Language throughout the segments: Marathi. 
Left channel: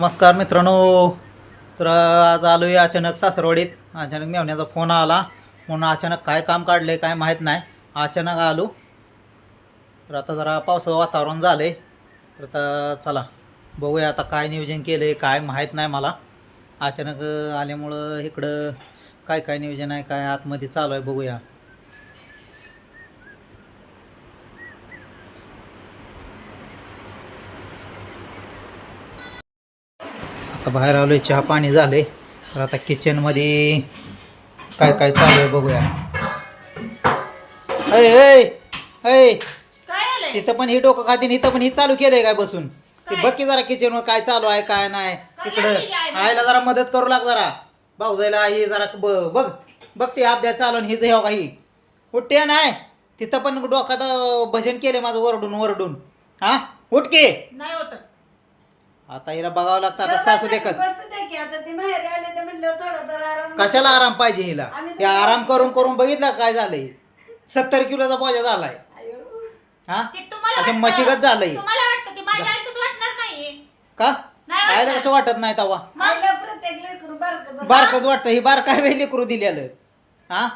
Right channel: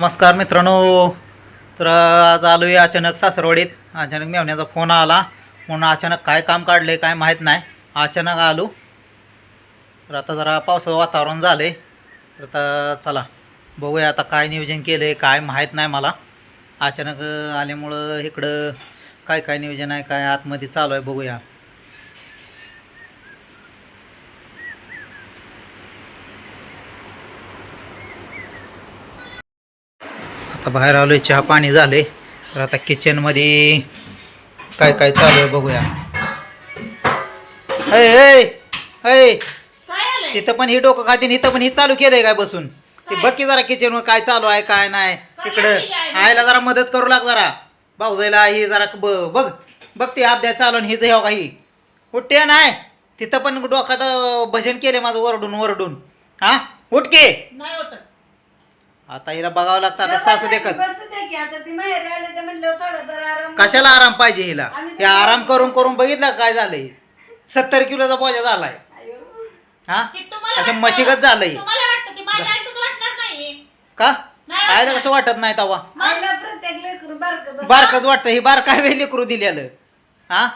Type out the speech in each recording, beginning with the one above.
नमस्कार मित्रांनो. तर आज आलो आहे अचानक सासरवाडीत. अचानक मेवण्याचा फोन आला. म्हणून अचानक काय काम काढलं काय माहीत नाही. अचानक आलो. तर आता जरा पावसाचं वातावरण झालं आहे तर आता चला बघूया आता काय नियोजन केलं आहे काय माहीत नाही मला. अचानक आल्यामुळं इकडं काय काय नियोजन आहे काय आतमध्ये चालू आहे बघूया. आता बाहेर आलो आहे चहा पाणी झाले तर आता किचनमध्ये काय काय चालू आहे बघूया. तिथं पण ही डोकं खाते इथं पण ही चालू केलंय काय बसून. ते बघ की जरा किचनवर काय चालू आहे काय नाही. इकडं आयला जरा मदत करू लाग जरा. भाऊजाईला ही जरा बघ. बघ ते अध्याय चालू आणि हिचं ह्याव काही उठते नाही. तिथं पण डोक्यात अं, भजन केले माझं वरडून वरडून. हा? उठके नाही आता हिला बघावं लागतं आता सासू देखत. बसू दे की आता ती माहेरी आले तर म्हणलं थोडं तर आराम कशाला आराम पाहिजे हिला? हे आराम करून करून बघितलं काय झालंय? सत्तर किलोचा बोजा झालाय. आयो. हा? ते तुम्हाला अशा वाटतं- मशिगत झालंय. तुम्हाला वाटतं ते माझ्या आईतच वाटणार नाही का? नाही आयला वाटत. कसं वाटत नाही तवा? आईला प्रत्येक लेकरू बारकं बस- बारकच वाटतं. ही बार काय वेळ लेकरू दिलेलं. हा?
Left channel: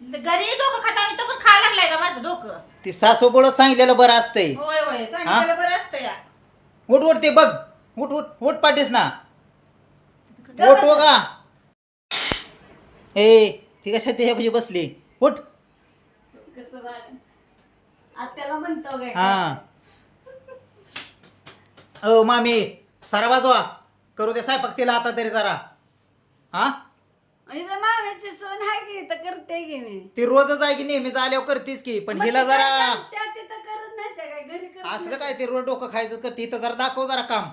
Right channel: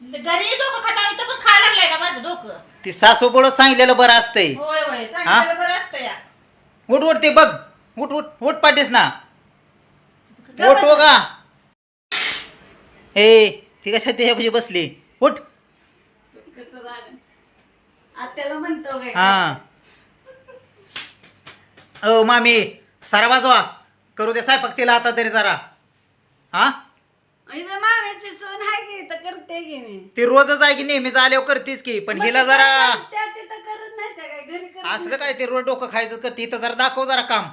घरी डोकं खाता इथं पण खायला लागलंय का माझं डोकं? ती सासू पुढं सांगितलेलं बरं असतंय. होय होय. सांगितलं बरं असतं या उठ उठ ते बघ. उठ उठ उठ पाठीस ना. उठ हो का ए ती कशा त्याच्यापाशी बसली. उठ. हा. ओ मामी सारा वाजवा. करू दे स्वयंपाक तिला आता तरी जरा. हा? इथं मामाची सून आहे की इथं करते की मी. ती रोजच आहे की नेहमीच आल्यावर करतेच की पण हिला जरा त्या तिथं करत नाही त्या काय घरी करत असलं काय ते रोज डोकं खायचं करते इथं जरा दाखव जरा काम.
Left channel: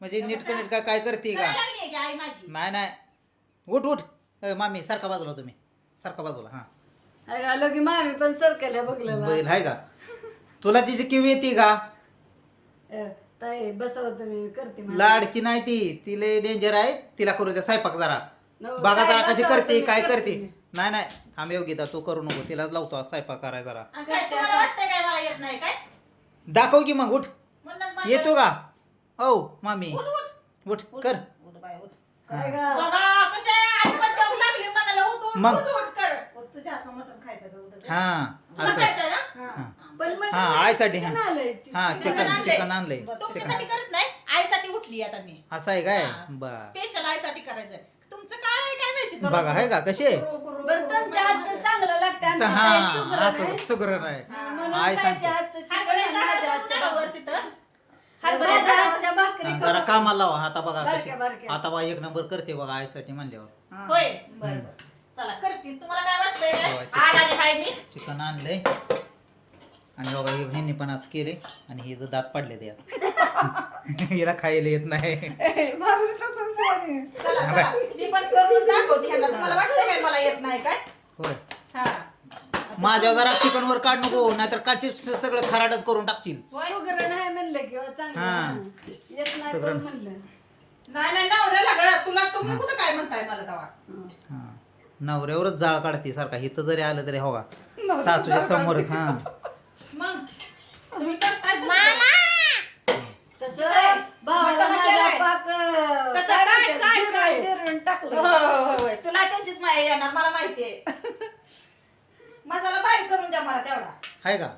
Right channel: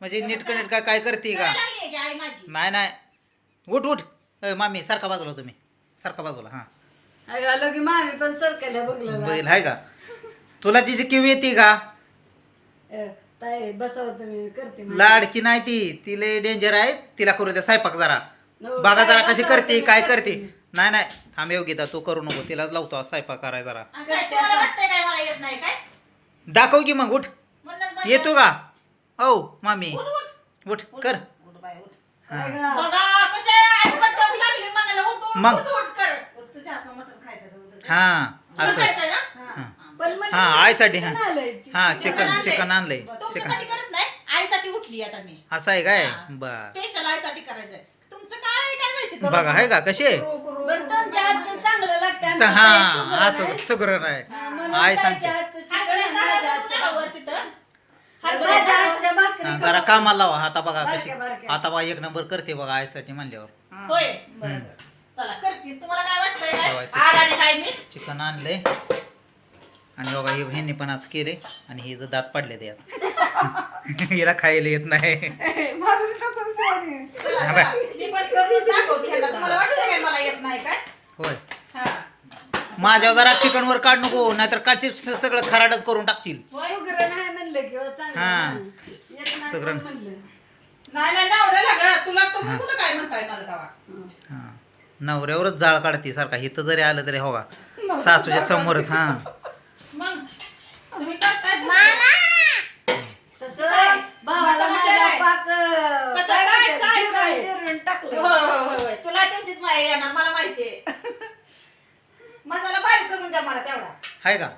म्हणजे नीट नीट काय काय करते का? करायला लागली आहे की आई माझी. नाही नाही. उठ उठ. अ, मामी सारखा बाजूला तुम्ही. सारखा बाजूला हा. आलो की मामी पण सरकल्या बघलं बैल आहे का? तुला तिची किव येते का? ताई बसव तुम्ही करते माझी. लाडकी नाही ती. तिला डेंजर आहे. तिला करू दे स्वयंपाक जरा. नको, बघा जरा काय कशी बसवा करते तुम्ही, काय करते करते. मी. नाही नाही. थांब योगिता तू करू नको. तिलाच लावतो आज स्वयंपाक कराय जरा. आणि काय तुम्हाला वाटतंय काय मला येत नाही काय? दाखव की मग उठ येतो का हो मामी उठ, उठ. उठ कर. हा. मग? हा असं? हा. हा आईसाठी हा. हा चिकन चिकन आणलंय. चिकन आणलंय चिकन तुमच्यासाठी करत नाही आईसाठी उठली आता मी असं आहे काय हा. बर स्पेशल आईसाठी करायचंय तुमचं काय काय माहिती करून. बघा आहे का कसे बरं तुमच्या हातचं चांगलं लागतं आमच्या ताई हा असं. सुगरण आहे आई सांगते हातचं चिकन हरभरे आणि माझ्या झाडावर हातचं झाडावर भाकर. तिथं. माझ्या हरभरे झाडावर. हातच्या भाकरी हा, करू. जरा कामाला लावा. आता बघा कशी. आता बघा एक नंबर करते बघा आईसाठी म्हणल्यावर. होय बरं, बरं. चला करते. तुम्हाला काय वाटतंय काय? ठेवायचं. आड आले काय मी. चिकन आणलंय. आणि बघा हे ह्यांनी पण असं केले आणि हे जर दात पडले ते आता. हिला खायला येत नाही. हा बाय. मी पण करून दाखवते ह्याला. तुम्हाला वाटतंय काय? मला येत नाही काय? होय. हा. माझ्यावर जरा चिकन वर काढ नको. नाहीतर कालची सगळं खराडच करून म्हणलं की हो, चांगलं हा. आहे. येत नाही सुगरण. पण म्हणलं. नाही नाही नवऱ्याला ग तुला तुम्ही कुठं काय म्हणताय मला तेव्हा हा. हा नवऱ्यावरच जाळ काढते सारखा इथं जरी आलं तरी हो का सासूच्या समोरच हा मग तुम्ही करताय तसं. तसं काय? भावाला मसाला माझ्या केलाय? पाक कसं काय काय, म्हणतात, काय, जिरं- काय? जिरं होय, टाकलं होय, होय, होय. तुला त्यांचीच माया येणार मला माहितीये मसाला बारीक करून द्या मला तेवढा आहे का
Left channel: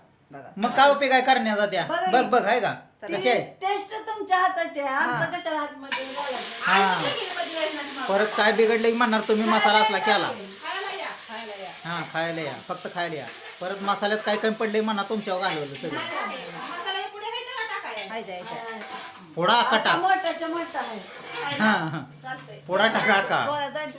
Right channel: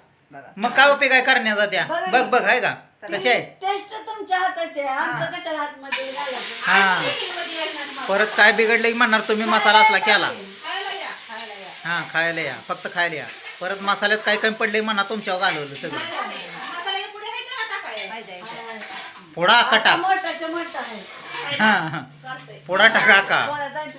मग काय उपयोग काय करण्याचा त्या बघा. बघ आहे का कशी आहे टेस्ट तुमच्या हाताची आहे. आमचं कशाला हातमध्ये घालायचं? हा. आणि मध्ये घालणार मला. परत काय बिघडलं की म्हणणार तुम्ही मसाला असला केला खायला या खायला या. हा खायला या. फक्त खायला या. परत मसाल्यात काय कमी पडले म्हणा तुमच्यावर घालवलं सगळं. मसाला पुढे आहे ना टाकायला? पोडा कटा मोठाच्या मोठा आहे. हा हा. चालतंय. पोडा टाका का? नका हो, तुम्हाला सांगते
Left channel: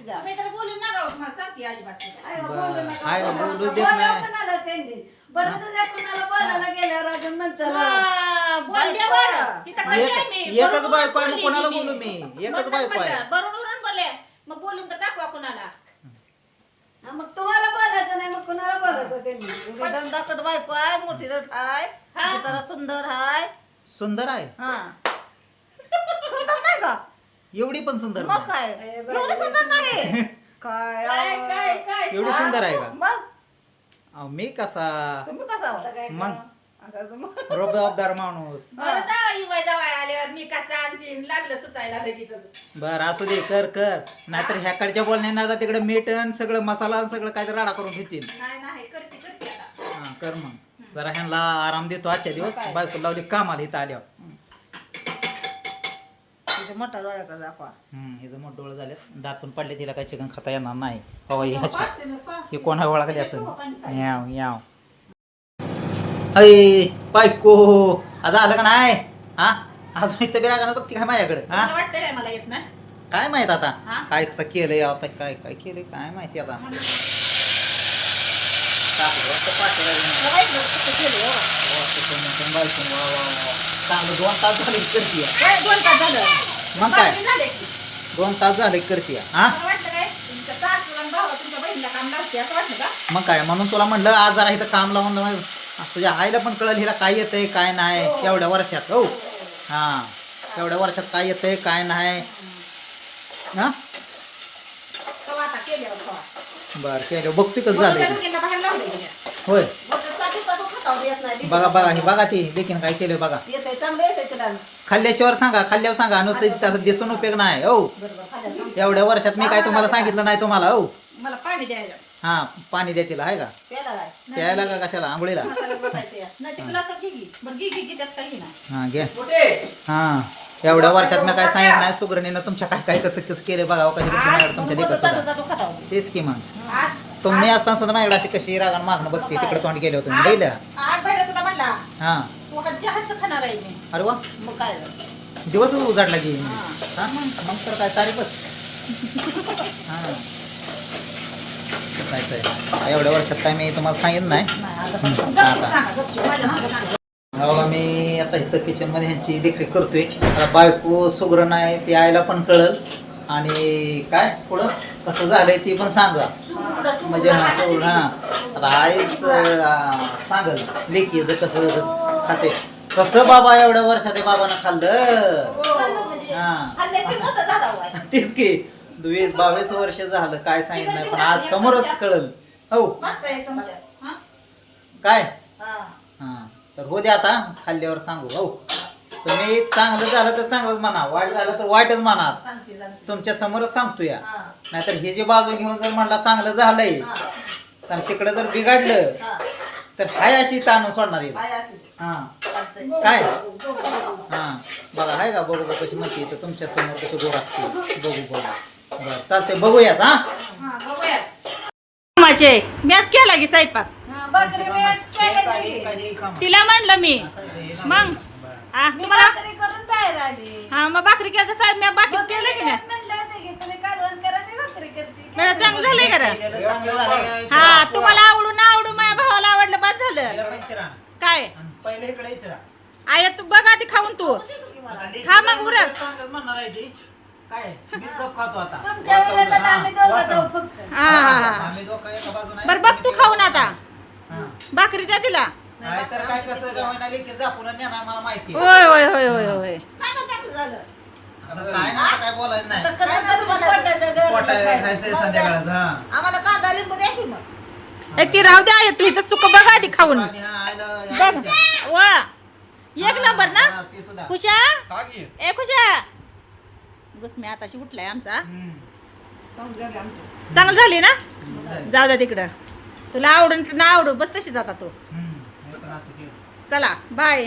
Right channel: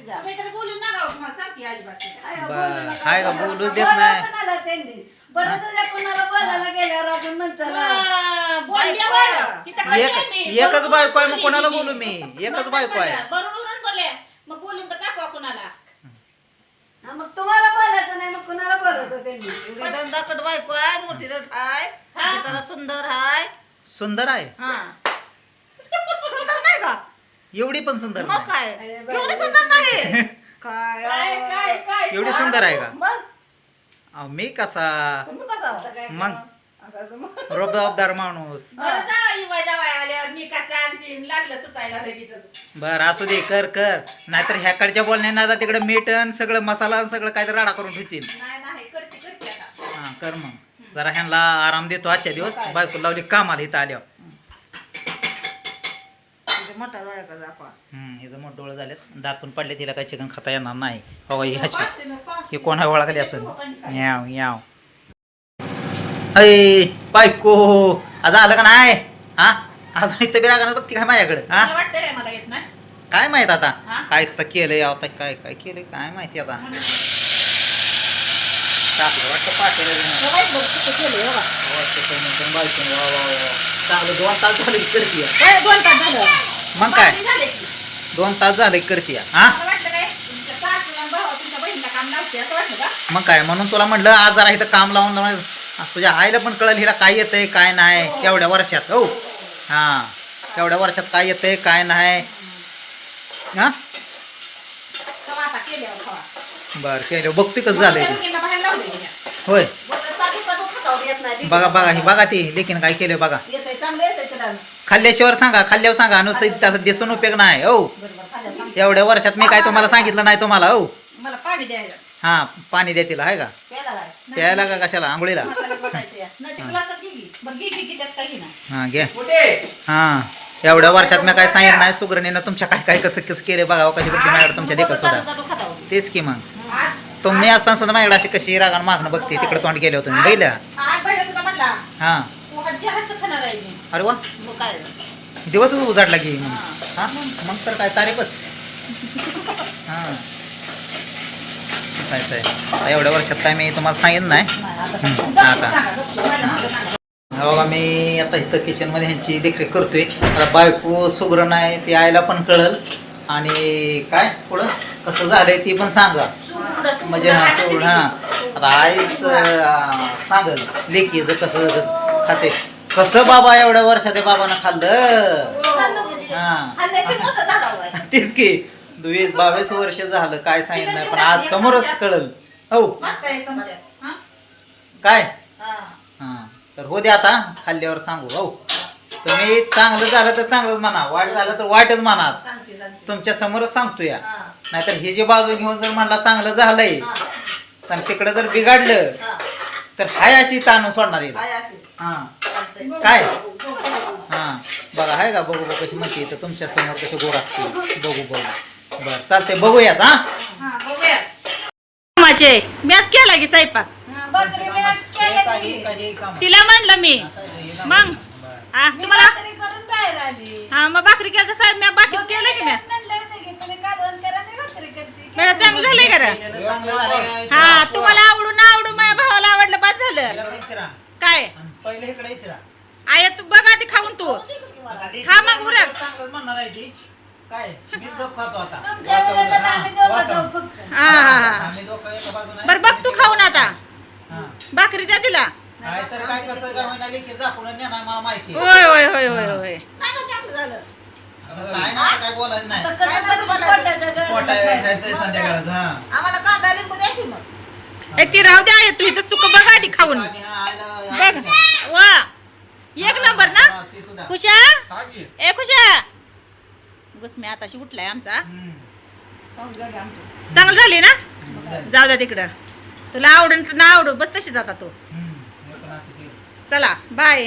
बर. बोलू नका. आहे का, बोलू देत नाही. कुणाला त्यांनी. परत उद्या कुणाला बोलायला गेल्यावर अजून म्हणताला हा, बोलल्यावर. इथं कशी आहे मी? एक- एकच बरोबर बायको आहे, मग बोलली कोणाला मी. बोलू मी? एकच बरोबर बायको आहे. बोलल्या. बरोबर बोलले मग बोलून तर दाखवा कुणाला. हा, मग तुम्हाला बोलायचं नाही मग कुणाला बोलायचं त्यांनी एवढी दंदाकट बायको आहे मोठी रट आहे. हा. दिसायला सुंदर आहे. सुंदर आहे? हा. सुंदर नाही का? एवढी पण सुंदर मग नाही. काय? अरे एवढी सुंदर नाही. काय काय काय काय? एवढी सुंदर आहे का? मग अहो, मी कसा? तुम्ही कसा काय मग? आता तुम्हा- जबाबदार माणूस. बरं जावा युवा जावा आल्यावर मी कसं आणखीन लागलं सुचायला लगेच बर असू दे कर कर. नाहीतर ह्याकडच्या बोलण्यानं आता तिकडे मीठ अन सगळं मसाला अन सगळं काहीतरी राडा करून ठेवतील. नाही नाही करते करते आता. हा कर मग. जरा ह्यांना आराम देतो आजच्या दिवस. बायको लावली कामाला इथं आल्यावर. डोळ्याकडे दाखवा. हिचं मोठ डोळे झालेत दातून पडले तिला काही चिकन खाता येणार नाही. हवा ही अशी. हे कोणा ओळखली असेल? याव याव. अय बायको आज आलं का नाही? हा? अजून इथं बिरागानं बघती काय माझ्याकडे हा? मला वाटतं काय मला येत नाही. काय माहीत आता? हा? काय कसं केलंय आता काय काय केलंय काय माहिती आता? टाकलं वाटतं कसं केलं, हे? म्हणतो बायको, वा, वा, वा. चांगलं दोन तास झाले की मग काय. दोन तास झाले की करतीय हा? मग काय? म्हणून तुला म्हटलं आज जरा इथं काम लावून लावून- तुझ्या आईला पण कळलं हिला काय येतंय काय नाही. एवढ्या वर्षात हो. हा. एवढ्या वर्षात काय येतंय काय नाही. हा. बर केलं. बघते कसं झालंय. होय. बघा बघा ही बघा ती लेकिन काय केलंय बघा. खाल्ल्याशिवाय सांगा खाल्ल्यावर सांगा नुसतं त्याचा दिसून उपयोग नाही हो. बरोबर, खाल्ल्या सांग. एवढ्या वर्षात मी काय तुम्हाला सांगितलं नाही तुम्हाला हो. मला पाणी द्यायला. हा पाणी द्या तिला आहे का? प्यायला काय? प्यायला का कशाला आंघोळीला? मसाला ग्लासात घे की. बरं, घे, घे, घे, त्यात काही ना. हा घे हा एवढ्या वर्षात मी काय सांगितलं नाही सुगरणीनं तुमच्या काय काय कसं कसं केले बघा कशी बघते माझ्याकडे तुमच्या देखत सुद्धा. तेच की मग. तुम्ही असताना सुद्धा माझ्याकडे अशी कशी रागान मागणं बघते तिकडे तोंड गेले होते तुम्ही बघितलं? आज सुद्धा हा. तू हातच्या हातचं खाणार आहे मी. अरे वा? दिवसच उजाडला की. हा मग तर काय तारीखच. हा. काय काय एवढ्या वर्षात काय मी तुम्हाला सांगितलं नाही. आता. हा बघा मी आता इथं किचनमध्ये ह्यांची देखरेख करतोय. आता बायको सुगरण आहे ती आईला पण कळल. आणि काय पुढं? कसं झालंय ती पण सांगा. म्हणजे हा. सोड हा. आता आईच सांगल. लेकीचं कसं खाते. कसं बाबा एवढ्या वर्षात बाबानं खाल्लं? म्हणजे? हा. तेच की वीस बावीस वर्ष झालं काय सांगितलं? पण आज समोरच कळल. हो. हा? काय? हा. तर हो दे आता खाल्ल्यावर सांगू. हो. तुम्ही चांगलं झालं तर चांगलंच म्हणा वाईट झालं तर वाईटच म्हणा. तुमच्या समोरच सांगतो या. नाहीतर हे जे बाजू घेऊन जर म्हणला चांगलं झालंय पण तिकडे जर बिघडलं. तर हाय अशी ताणून सोडणार येईल काय असेल? हा. चालतंय. काय? हा. बघा आहे का? बघू बघू कशी म्हणते तर तुमच्यासमोर कशी गोर असते. बघू बघू. बरं चालतंय. बघूयात हा? हा. माझे मॅच केला की स्वयंपाक? हा, बकरी मी आज केलं काही की. काही काम. तिला म्हणलं मी. मग? हा मी तुम्हाला? भाकरी करून बाहेर आली. हा मग भाकरी केलं तर साहेब मी बाकीच केलं की मी मग म्हणलं होतं की तुम्ही कालवण करा मी भाकरी करते. मला चांगलं झालंय का? हा तुम्हाला आवडून आवडून माझ्या भावाला आवडलं बस झालं तिला विचारा. काय आणि पहिले इकडे विचारा. आय तू बघ आधी खाऊन तू. खा मग उरक. काय? खातो आता. हा आम्ही दोघं एका बाजूने बरं बघ तू खाऊन आता. हा. भाकरी द्या तिला. तर काय कसं का होईना लेकी झाकून नेणार मला माहिती आहे. होय होय होय होय होय? आता काय ना आता काय बोलायचं नाही. तर कसं तरी पोटाच्या गरजेला पोटा खायचं. खायचंय संध्याकाळचं हा. आम्हाला कांदा लिंबू द्या की मग. ए ती राहू द्या तू इथं सुक बघ आधी खाऊन. आणि हा आलं- बघ. वा. सुद्धा खुशा ए खुशा बस मी आताशी उठलाय आमचा. चांगलं झालं आमचं. चांगलं झाली ना. जाऊ द्या तिकडं तुला आवडून ना आवडू बस तशी जाता तू. हे. चला बाय